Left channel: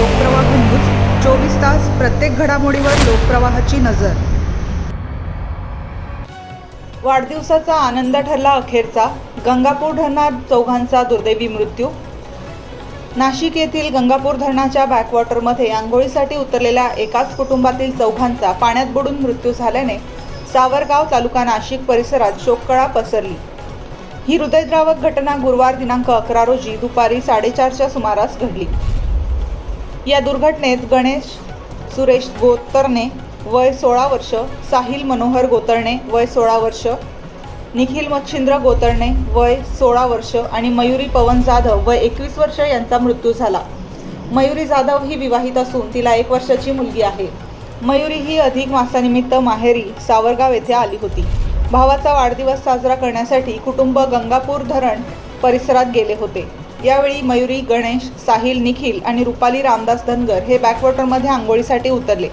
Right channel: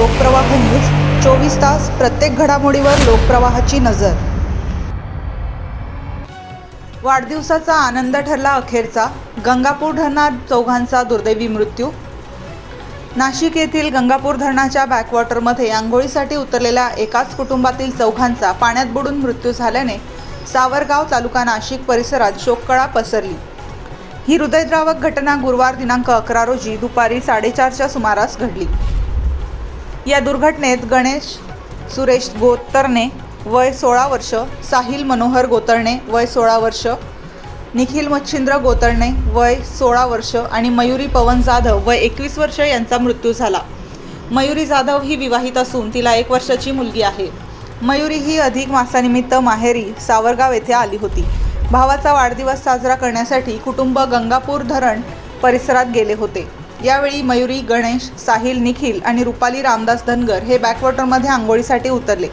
Lokpravah news 24 तास प्रत्येक घडामोडीवर लोकप्रवाहाची नजर। वाढदिवसाचा आनंद ठरला अखेरचा, गंगापूर धरणात चौघांचा दुर्दैवी मृत्यू। नाशिक येथील गंगापूर धरणाच्या बॅकवॉटरमध्ये आंघोळीसाठी उतरलेल्या एकाच कुटुंबातील चौघांचा पाण्यात बुडून मृत्यू झाल्याने सावरगाव तालुका नाशिक परिसरात शोककळा पसरली। ही हृदयद्रावक घटना गुरुवार दिनांक 11 रोजी दुपारी 4:30च्या सुमारास घडली। या दुर्घटनेत गणेश सुरेश गोतरणे वय 16 वर्ष, साहिल मनोहर गोतरणे वय 16 वर्ष, निखिल मच्छिंद्र गोतरणे वय 16 वर्ष आणि मयुरी पवन जाधव वय 21 वर्ष यांचा मृत्यू झाला। मयुरी जाधव ही विवाहित असून तिला 1 वर्षाची मुलगी आहे। मयुरी ही अधिक मासानिमित्त माहेरी सावरगाव येथे आली होती। भावाचा वाढदिवस साजरा करण्यासाठी कुटुंब गंगापूर धरण परिसरात गेले होते। यावेळी मयुरी, गणेश, साहिल, निखिल आणि रुपाली रामदास धनगर हे बॅकवॉटरमध्ये आंघोळीसाठी उतरले।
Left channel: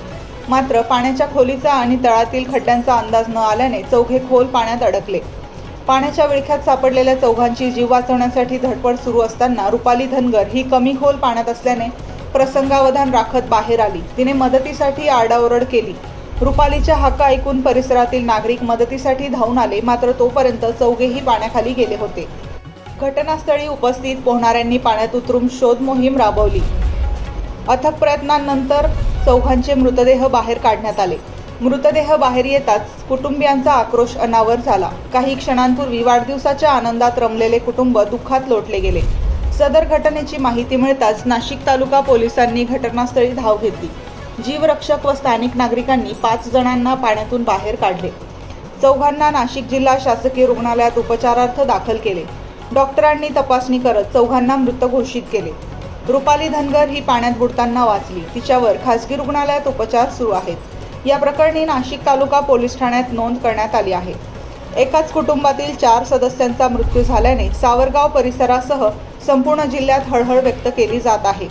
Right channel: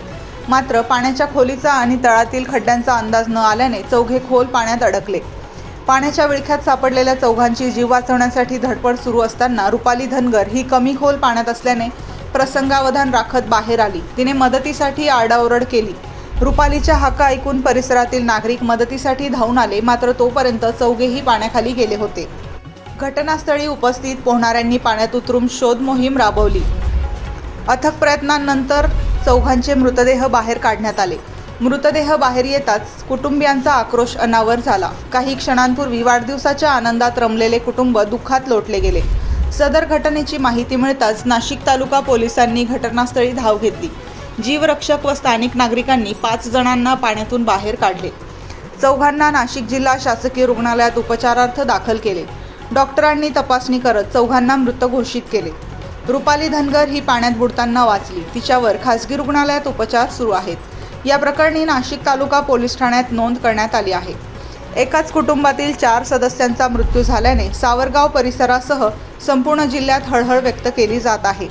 मात्र पाण्याच्या खोलीचा आणि तळातील खड्ड्यांचा अंदाज न आल्याने चौघे खोल पाण्यात अडकले। पाण्याच्या विळख्यात सापडलेल्या चौघांची जीव वाचवण्यासाठी धडपड सुरू असताना रुपाली धनगर ही कमी खोल पाण्यात असल्याने प्रसंगावधान राखत बाहेर आली। तिने मदतीसाठी आरडाओरड केली। रुपालीच्या हाका ऐकून परिसरातील नागरिक मदतीसाठी धावून आले, मात्र तोपर्यंत चौघेही पाण्याखाली गेले होते। घटनास्थळी उपस्थित पोहणाऱ्यांनी पाण्यात उतरून शोध मोहीम राबवली। अथक प्रयत्नांनंतर चौघांचे मृतदेह बाहेर काढण्यात आले। मृतदेह बाहेर येताच कुटुंबियांचा आक्रोश अनावर झाला। काही क्षणांपूर्वी वाढदिवसाच्या आनंदात रमलेले कुटुंब दुःखात लोटले गेले। सदर घटनेची माहिती मिळताच नाशिक तालुका पोलिसांनी घटनास्थळी धाव घेतली। जीवरक्षक व स्थानिक नागरिकांनी 5 जणांना पाण्यातून बाहेर काढले। चौघांना नाशिक जिल्हा शासकीय रुग्णालयात उपचारार्थ दाखल केले। डॉक्टरांनी तपासणी करत चौघांना मृत घोषित केले। रुपाली धनगर ही पाण्यात बुडताना वाचली। तिच्यावर खासगी रुग्णालयात उपचार सुरू आहेत। या प्रकरणी नाशिक तालुका पोलीस ठाण्यात नोंद करण्यात आली आहे। एकाच कुटुंबातील 4 सदस्यांचा मृत्यू झाल्याने सावरगाव परिसरासह संपूर्ण जिल्ह्यात हळहळ व्यक्त केली जात आहे।